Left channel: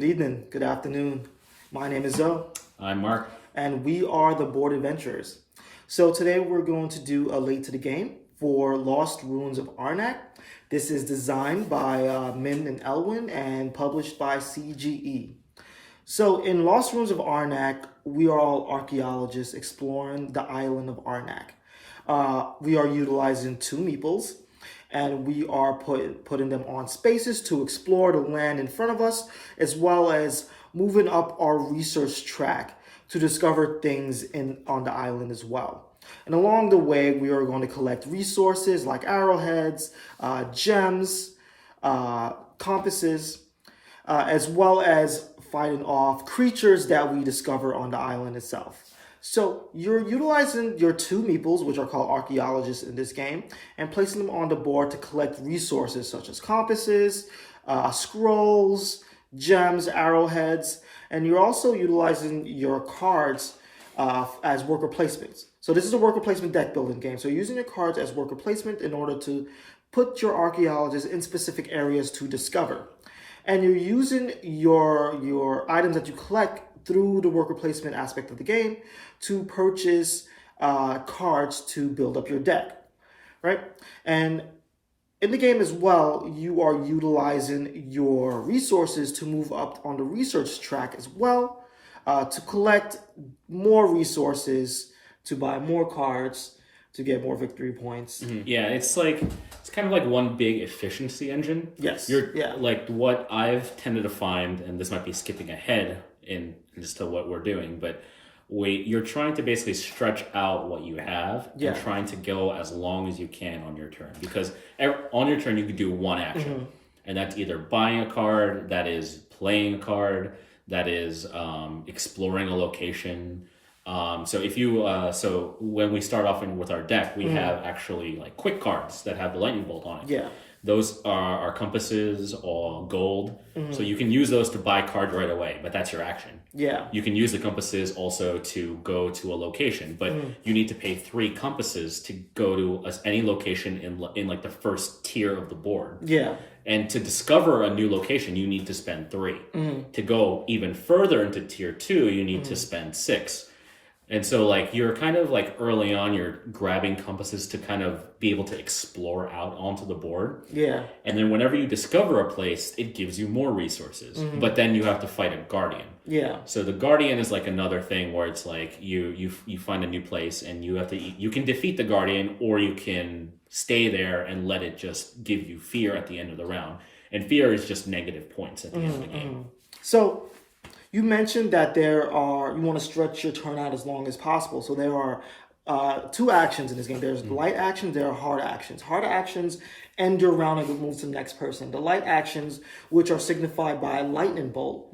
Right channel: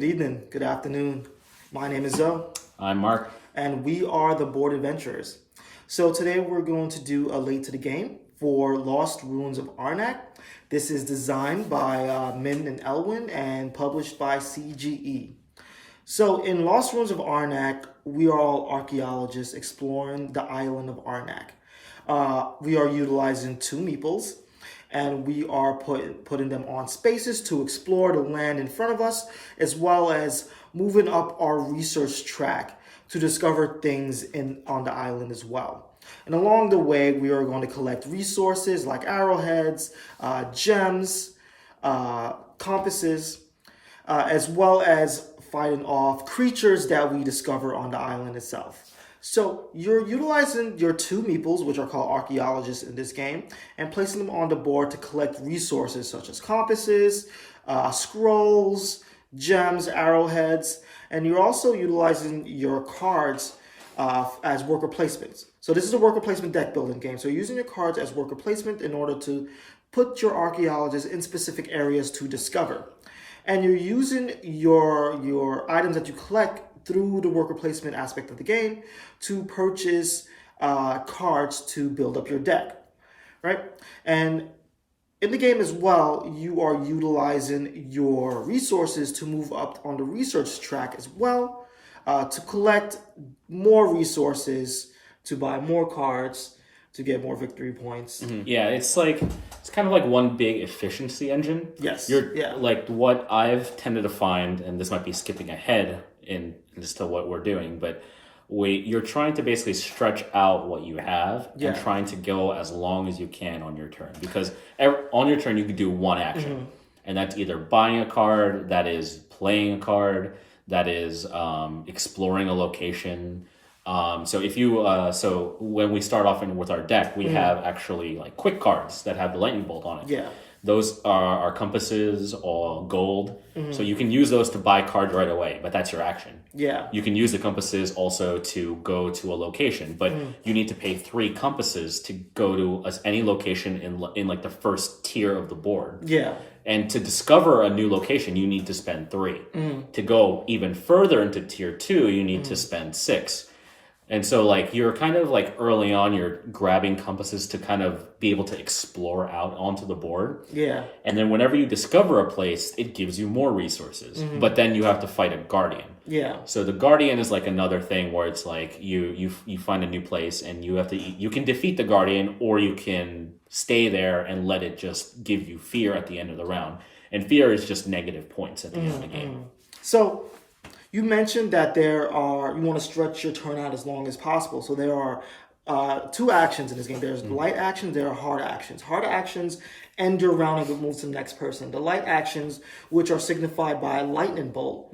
Good evening, good afternoon. My name is Zoe, I'm Mark. and we are the Board Adventurers. So today we're going to do a late to the game for Lost Ruins of Arnak. This is designed by Min and Elwin and published by CGE. So in Lost Ruins of Arnak, we are all archaeologists exploring the island of Arnak. We are utilizing two meeples, and we are putting them on spaces to explore the land in front of us, as well as moving up our research track to discover things on the island as well. And along the way, we are going to collect resources like arrowheads, gems, compasses, as well as fighting off creatures that we discover on the island itself. So you're utilizing your two meeples, which are called archaeologists in this game, and placing them on the board to collect resources such as compasses, scrolls, gems, arrowheads, and you're also utilizing your cards as worker placements. So this is a worker placement deck building game. So you're using your cards as worker placement in order to put your archaeologists in specific areas to discover. And you're using your items that you collect through the worker placement aspect of the game to purchase cards to build up your deck, right? And in the game as well, you are utilizing your resources to move up on the research track as well, to collect more resources, to buy more cards, to get more victory points. Mm-hmm. Yeah, it's kind of like one big efficiency engine. Yes. Like what I've tended to find, and this might be skipping ahead in just to what we're doing, but you're trying to basically stretch out what you have and trying to go as long as you can on your turn, because on your turn you can do one action, and that's either buying a card, that is playing a card, that is exploring a location. So if you so when we start off with our deck, we have actually like quick cards that have the lightning bolt on it. Yeah. Those are our compasses or gold. So you can use those to buy cards right away, but that's your action. Yeah. You can use the compasses also to go to a location, but you need to pay 3 compasses to go to any location in like the first tier of the board. Yeah. And to discover a new location, you need to spend 3. To go even further into tier 2, you need to spend 6. And so like you're kind of like early on, you're grabbing compasses to kind of be able to explore out onto the board. Yeah. And then whenever you discover a place, it gives you more resources. But then you have to fight a guardian. Yeah. So the guardian is like another thing where it's like you find a new place and you can defeat the guardian, or you can stay there and let it just give you fear at the end of the round. And fear is just negative points at the end of the game. So you mentioned that you want to stretch your turn out as long as possible. So there are 2 actions in this game. There's light actions, there are hard actions. Hard actions end your round and move to the next person. The light actions, which are signified by a lightning bolt,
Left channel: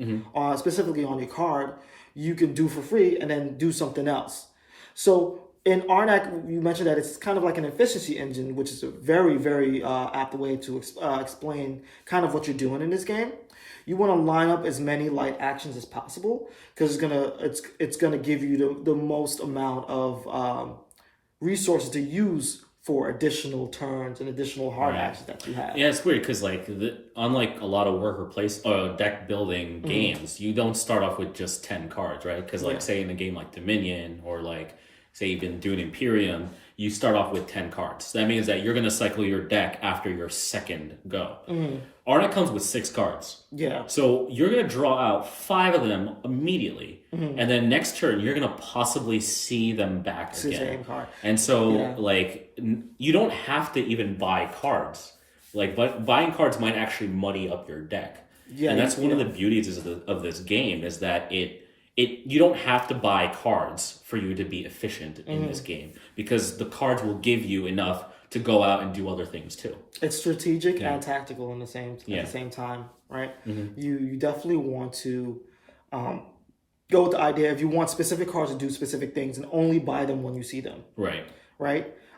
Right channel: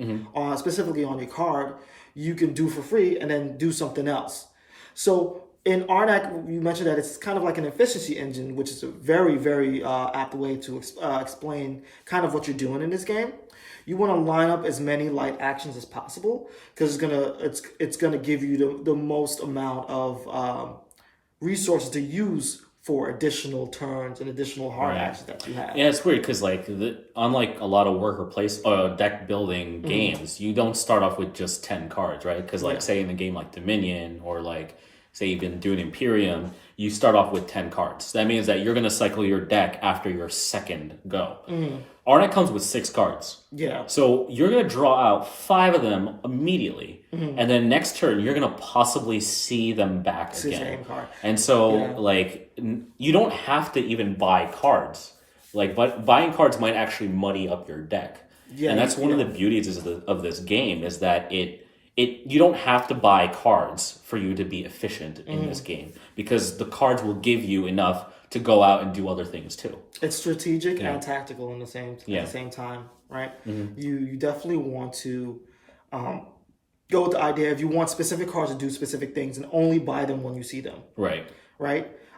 specifically on your card, you can do for free and then do something else. So in Arnak, you mentioned that it's kind of like an efficiency engine, which is a very, very apt way to explain kind of what you're doing in this game. You want to line up as many light actions as possible, because it's gonna give you the most amount of resources to use for additional turns and additional hard actions that you have. Yeah, it's weird because unlike a lot of deck building games, you don't start off with just 10 cards, right? Because say in a game like Dominion, or like say even doing Imperium, you start off with 10 cards. So that means that you're going to cycle your deck after your second go. Arnak comes with 6 cards. Yeah. So you're going to draw out 5 of them immediately. And then next turn, you're going to possibly see them back again. The same card. And so you don't have to even buy cards. But buying cards might actually muddy up your deck. Yeah. And that's one of the beauties of this game, is that you don't have to buy cards for you to be efficient in this game, because the cards will give you enough to go out and do other things too. It's strategic and tactical at the same time, right? You definitely want to go with the idea, if you want specific cards to do specific things, and only buy them when you see them. Right.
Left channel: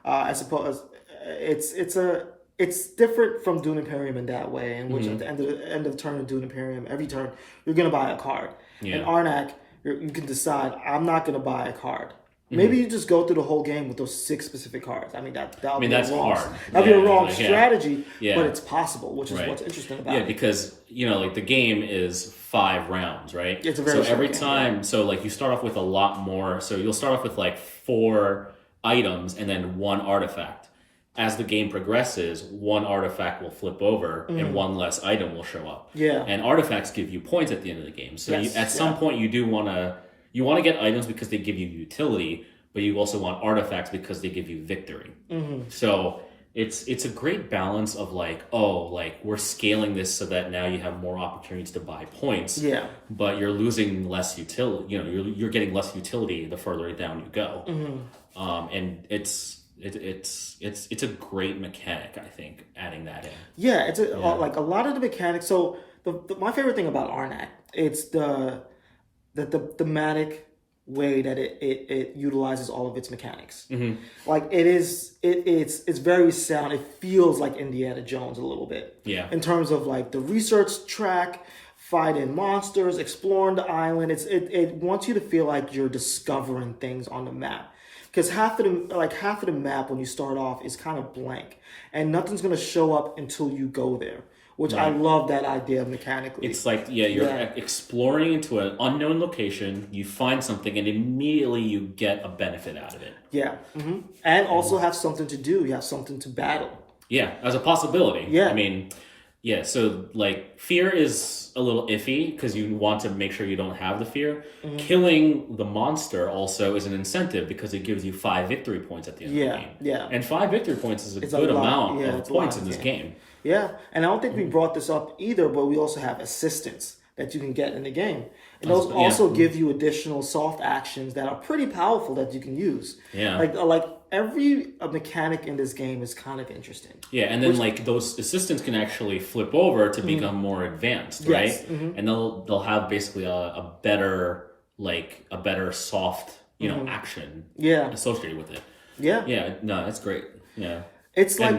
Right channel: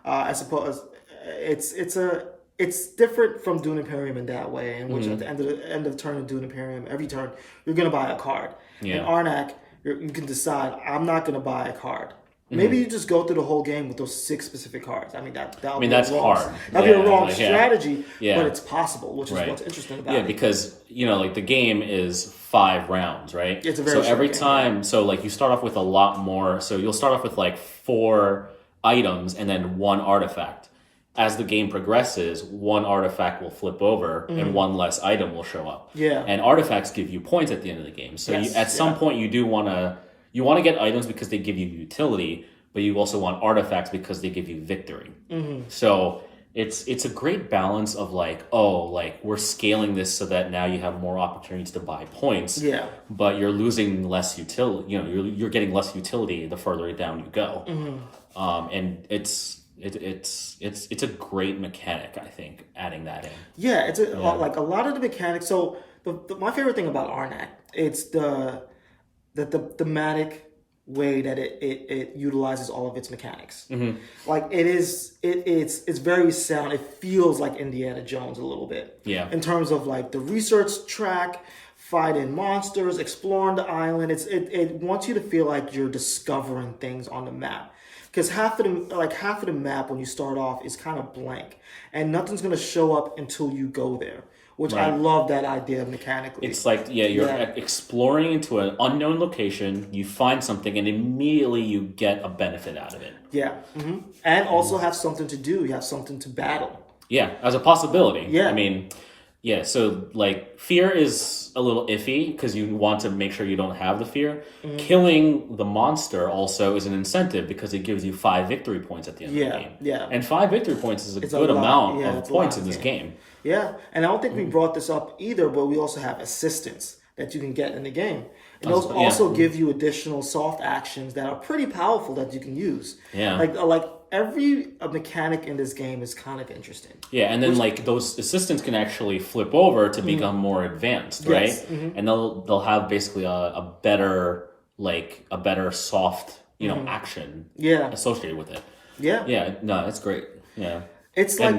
I suppose it's different from Dune Imperium in that way, in which at the end of the turn of Dune Imperium, every turn you're gonna buy a card. In Arnak, you can decide, I'm not going to buy a card. Maybe you just go through the whole game with those 6 specific cards. I mean, that'd be that's a wrong, hard. that'd be a wrong strategy, Yeah. but it's possible, which is Right. what's interesting about Yeah, it. because like the game is 5 rounds, right? It's a very so every short game, time, so like you start off with a lot more. So you'll start off with like 4 items and then 1 artifact. As the game progresses, 1 artifact will flip over and 1 less item will show up. Yeah. And artifacts give you points at the end of the game. So Yes, at some point you do want to get items because they give you utility, but you also want artifacts because they give you victory. So it's a great balance of like we're scaling this so that now you have more opportunities to buy points. Yeah. But you're losing less utility. You're getting less utility the further down you go. And it's a great mechanic, I think, adding that in. Yeah, it's like a lot of the mechanics. So my favorite thing about Arnak, it's the thematic way that it utilizes all of its mechanics. Like it's very sound. It feels like Indiana Jones a little bit. Yeah. In terms of like the research track, fighting monsters, exploring the island. It wants you to feel like you're discovering things on the map. Because half of the map when you start off is kind of blank, and nothing's gonna show up until you go there. Which I love that idea mechanically. It's like you're exploring into an unknown location. You find something, and immediately you get a benefit out of it. Yeah, and also have something to do. You have something to battle. Yeah, as a possibility. Yeah, I mean, yeah. So like, fear is a little iffy because you want to make sure you don't have the fear. Killing the monster also is an incentive because it gives you 5 victory points at the end of the game. Yeah, and 5 victory points is a good amount of points in this game. Yeah, and I don't think we brought this up either, but we also have assistants that you can get in the game. And those also give you additional soft actions that are pretty powerful that you can use. Yeah. Like every mechanic in this game is kind of interesting. Yeah, and then like those assistants can actually flip over to become more advanced, right? Yes. And they'll have basically a better soft, action associated with it. Yeah. Yeah, no, that's great. Yeah. It's like,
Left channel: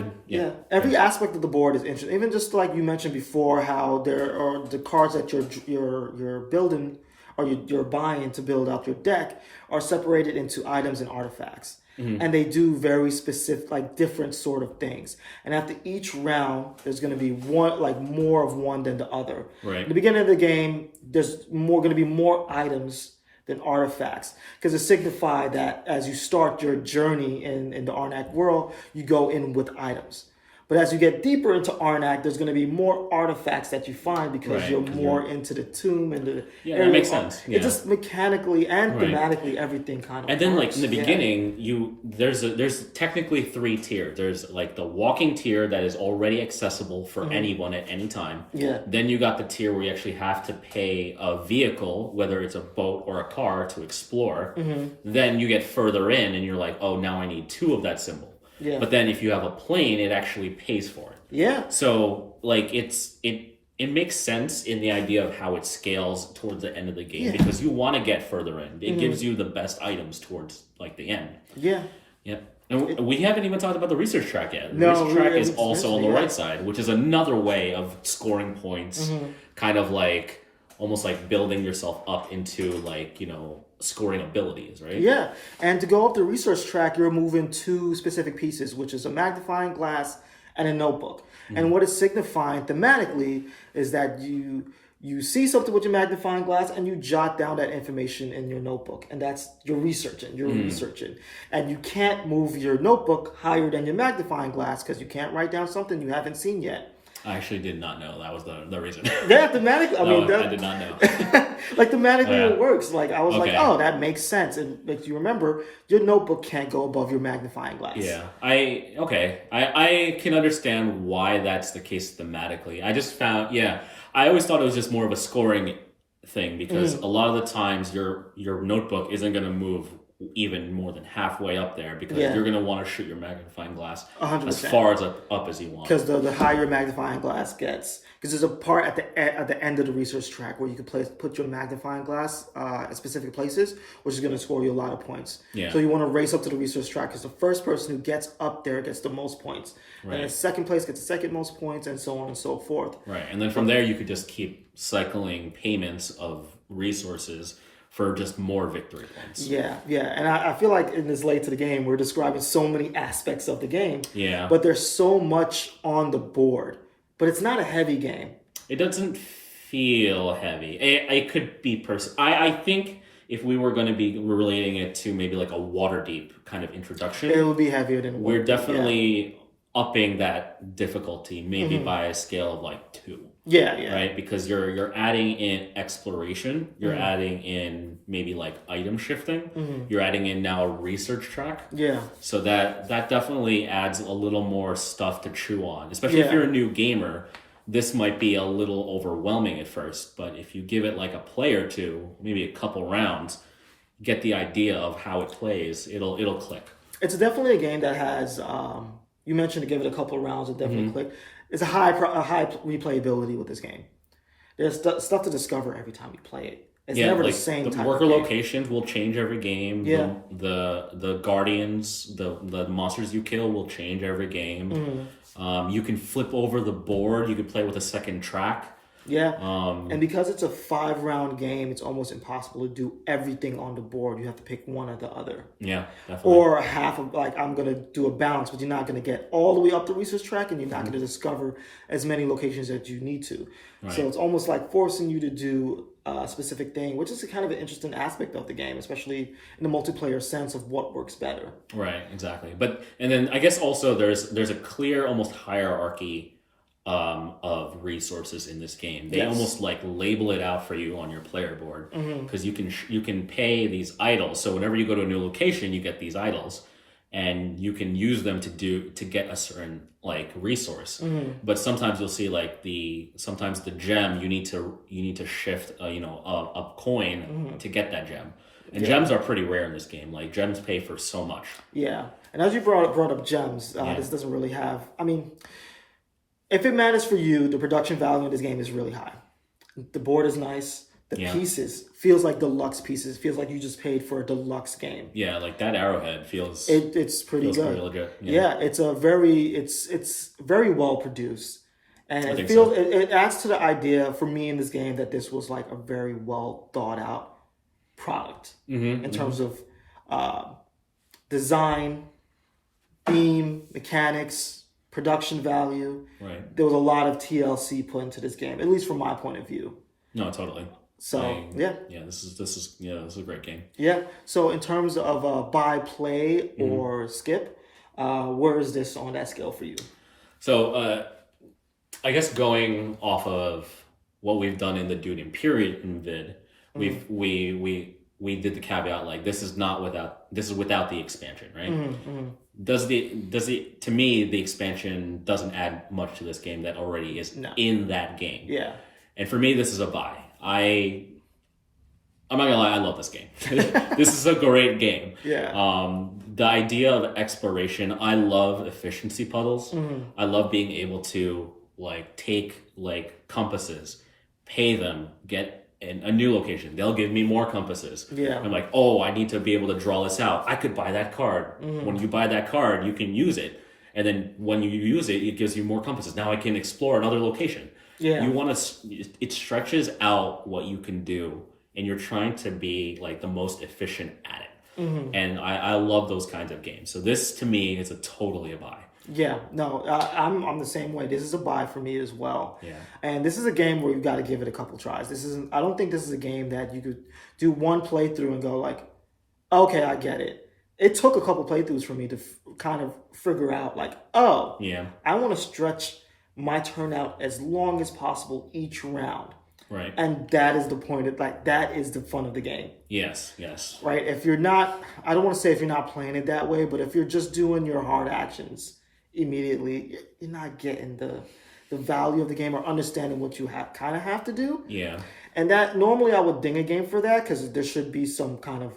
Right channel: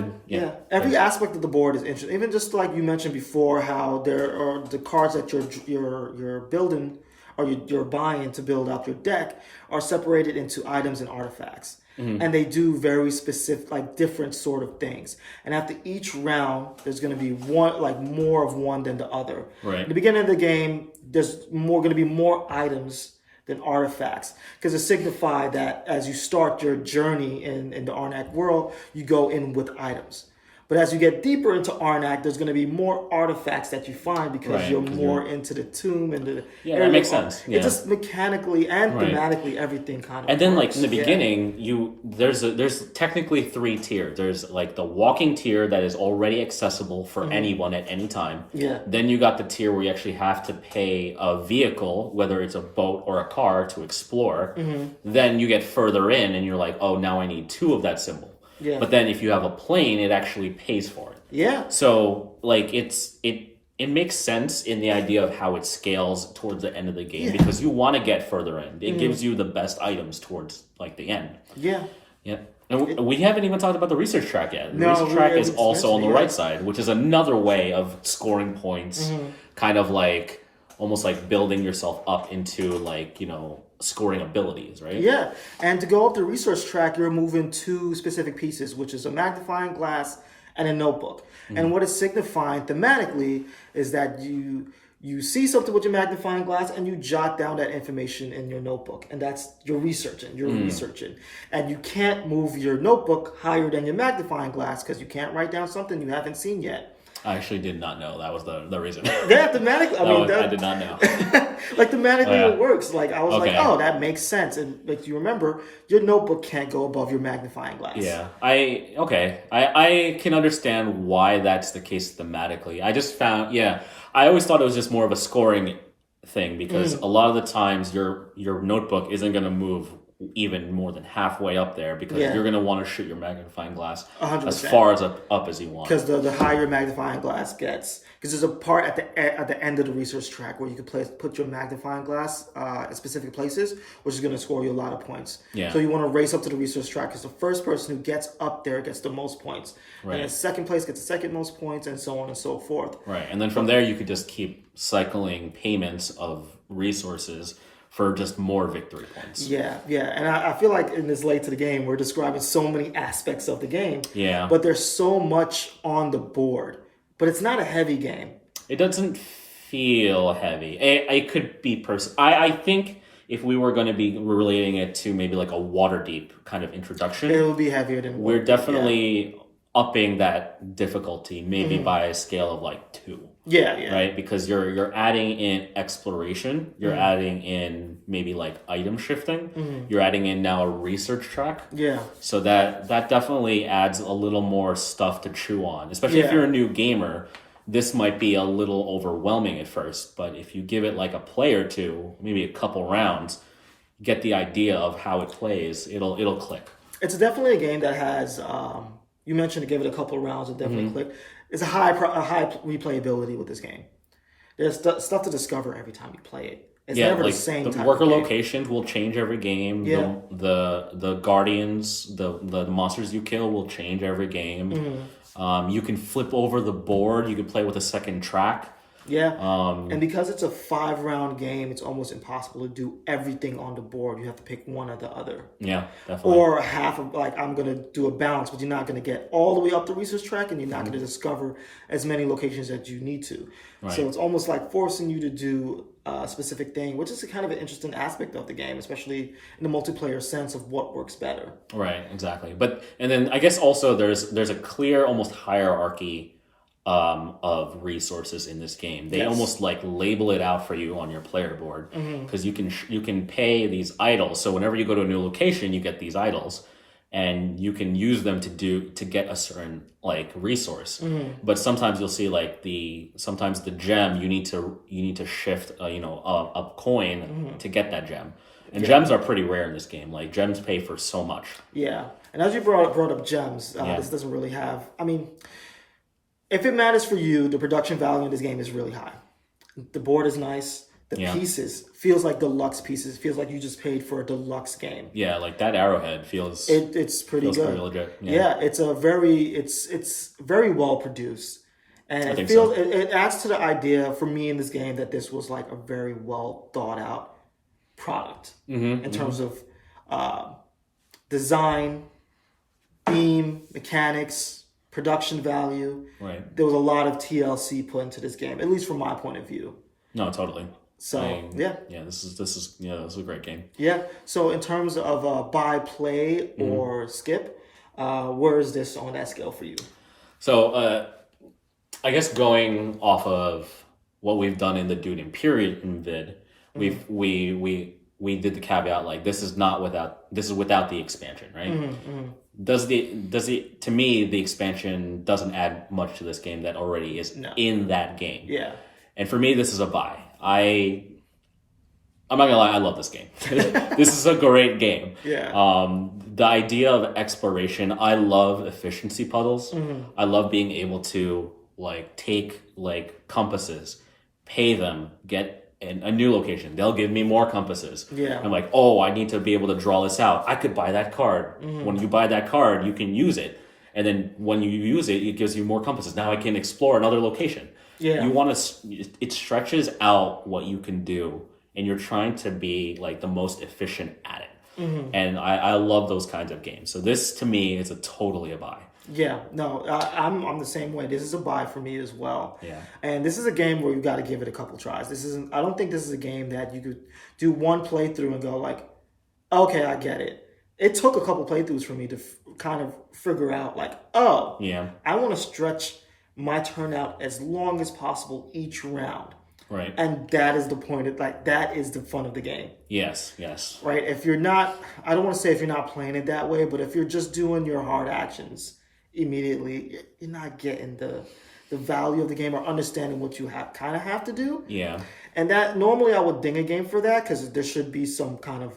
every aspect of the board is interesting. Even just like you mentioned before, how there are the cards that you're building or you're buying to build out your deck are separated into items and artifacts. And they do very specific, like different sort of things. And after each round, there's going to be more of one than the other. Right. At the beginning of the game, there's going to be more items than artifacts, because it signifies that as you start your journey in the Arnak world, you go in with items. But as you get deeper into Arnak, there's going to be more artifacts that you find because you're more into the tomb and the area. That makes sense. Yeah. It just mechanically and thematically everything kind of. And then like in the beginning, there's technically 3 tiers. There's like the walking tier that is already accessible for anyone at any time. Yeah. Then you got the tier where you actually have to pay a vehicle, whether it's a boat or a car, to explore. Then you get further in and you're like, oh, now I need 2 of that symbol. Yeah. But then if you have a plane, it actually pays for it. Yeah. So like it makes sense in the idea of how it scales towards the end of the game because you want to get further in. It gives you the best items towards like the end. Yeah. Yeah. And we haven't even talked about the research track yet. The research track is also on the right side, which is another way of scoring points, kind of like almost like building yourself up into like, scoring abilities, right? Yeah. And to go up the research track, you're moving 2 specific pieces, which is a magnifying glass and a notebook. And what it's signifying thematically is that you see something with your magnifying glass and you jot down that information in your notebook. And that's you're researching. And you can't move your notebook higher than your magnifying glass because you can't write down something you haven't seen yet. I actually did not know that was the reason. Yeah, thematically. I did not know. Like thematically, it works. Like I was like, oh, that makes sense. And like you remember, your notebook can't go above your magnifying glass. Yeah, I can understand why that's the case thematically. I just found, I always thought it was just more of a scoring thing because a lot of the times your notebook isn't going to move even more than halfway up there because you're going to want to shoot your magnifying glass 100%. As far as up as you want. Because the higher your magnifying glass gets, because there's a part at the end of the research track where you can put your magnifying glass at specific places, which is going to score you a lot of points. Yeah. So you want to race up to the research track because the first person who gets up there gets the most points. Right. And the second place gets the second most points and so on and so forth. Right. And then from there you could just keep cycling payments of resources for just more victory points. Yeah, yeah. And I feel like in this late to the game, we're describing so many aspects of the game. Yeah. But there's so much on the board. But it's not a heavy game. It doesn't feel heavy. It could be I think if we were going to be relating it to maybe like a Waterdeep kind of introduction, it will be heavier than we're definitely upping that difficulty maybe by a scale of like 2. Yeah, yeah. Right? Because you're adding in exploration, you're adding in maybe like item shifting, you're adding in now a research track. Yeah. So that definitely adds a little more stuff to chew on. Especially if you're a new gamer, this might be a little overwhelming at first, but if you give it like a play or two, maybe a couple rounds, get the idea of how it plays, it'll click. It's definitely a game that has you mentioned to give it a couple of rounds, it definitely click. It's a high replayability with this game. There's stuff to discover every time you play it. It's never the same type of game. The worker locations will change every game. Yeah. The guardians, the monsters you kill will change every game. You can flip over the board. You can play with a second track. Yeah. And because it's a 5-round game, it's almost impossible to do everything on the board. You have to pick one or the other. Yeah, definitely. Or half of, like, I'm going to do a balance, but you're not going to get all the way up the research track, and you're not going to discover as many locations as you need to. Right. So it's almost like forcing you to do a specific thing, which is a kind of an interesting aspect of the game, especially in the multiplayer sense of what works better. Right, exactly. And then I guess also there's a clear almost hierarchy of resources in this game. They almost like label it out for you on your player board because you can pay these idols. So whenever you go to a new location, you get these idols, and you can use them to get a certain like resource. But sometimes you'll see like sometimes the gem you need to shift a coin to get that gem. And gems are pretty rare in this game. Like gems pay for so much. Yeah, and as you brought up gems, this doesn't really have. I mean, if it matters for you, the production value in this game is really high. The board is nice. The pieces feels like deluxe pieces. Feels like you just paid for a deluxe game. Yeah, like that arrowhead feels. It's pretty good. Pretty legit. Yeah, it's very well produced, and it adds to the idea for me in this game that this was like a very well thought out product in terms of design, theme, mechanics, production value. Right. There was a lot of TLC put into this game, at least from my point of view. No, totally. So this is a great game. Yeah. So in terms of buy, play, or skip, where is this on that scale for you? So I guess going off of what we've done in the Dune Imperium vid, we did the caveat like this is without the expansion, right? To me the expansion doesn't add much to this game that already is in that game. Yeah. And for me this is a buy. I'm not gonna lie, I love this game. This is a great game. Yeah. The idea of exploration, I love efficiency puzzles. I love being able to like take like compasses, pay them, get a new location. They'll give me more compasses. Yeah. I'm like, oh, I need to be able to draw this out. I could buy that card. When you buy that card, you can use it. And then when you use it, it gives you more compasses. Now I can explore another location. Yeah. It stretches out what you can do, and you're trying to be like the most efficient at it. And I love those kinds of games. So this to me is totally a buy. Yeah, no, I'm the same way. This is a buy for me as well. Yeah. And this is a game where you've got to give it a couple tries. I don't think this is a game that you could do one playthrough and go like, okay, I get it. It took a couple playthroughs for me to kind of figure out like, oh, yeah, I want to stretch my turnout as long as possible each round. Right. And that is the point. That is the fun of the game. Yes, yes. Right. If you're not, I don't want to say if you're not playing it that way, but if you're just doing your hard actions immediately, you're not getting the value of the game or understanding what you kind of have to do. Yeah. And that normally I would ding a game for that because there should be some kind of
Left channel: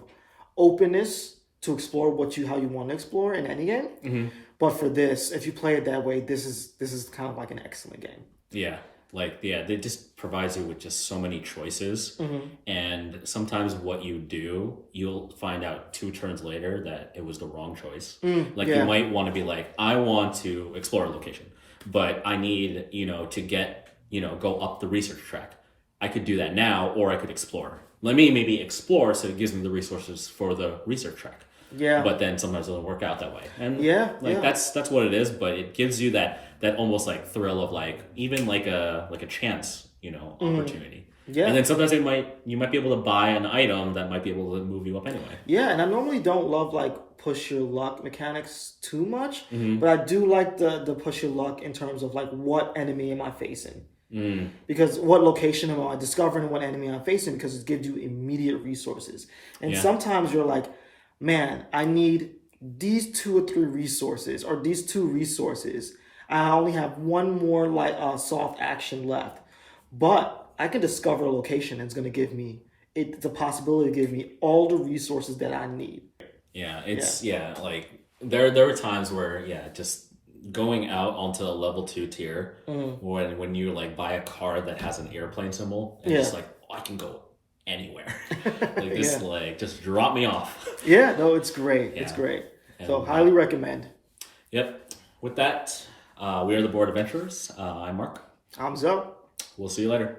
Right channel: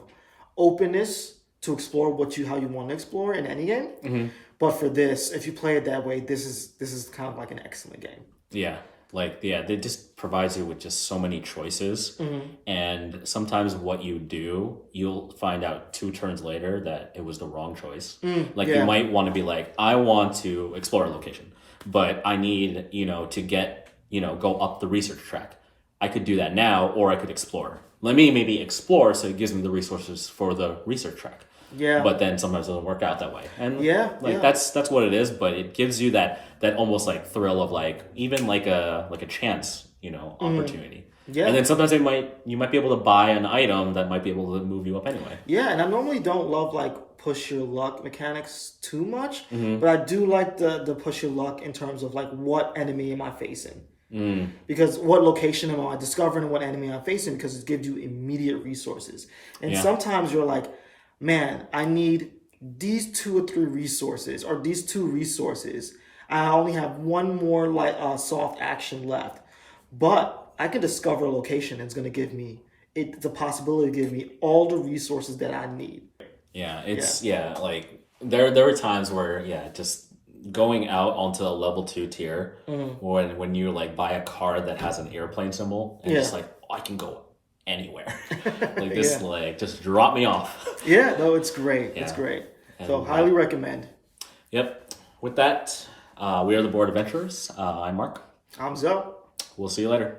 openness to explore how you want to explore in any game. But for this, if you play it that way, this is kind of like an excellent game. Yeah. They just provides you with just so many choices. And sometimes what you do, you'll find out 2 turns later that it was the wrong choice. You might want to be like, I want to explore a location, but I need, to get, go up the research track. I could do that now, or I could explore. let me maybe explore, so it gives me the resources for the research track. Yeah. But then sometimes it doesn't work out that way. And Yeah, like yeah. that's what it is, but it gives you that almost like thrill of like even like a chance, opportunity. Yeah. And then sometimes you might be able to buy an item that might be able to move you up anyway. Yeah, and I normally don't love like push your luck mechanics too much, Mm-hmm. but I do like the push your luck in terms of like what enemy am I facing? Because what location am I discovering, what enemy I'm facing, because it gives you immediate resources. And sometimes you're like, man, I need these 2 or 3 resources or these 2 resources. I only have one more like soft action left, but I can discover a location and it's going to give me the possibility to give me all the resources that I need. Yeah, it's like there were times where just going out onto a level 2 tier when you like buy a card that has an airplane symbol and it's like, oh, I can go anywhere. Like this like just drop me off. Yeah, no, it's great. It's great. So highly recommend. Yep. With that, we are the Board Adventurers. I'm Mark. I'm Zoe. We'll see you later.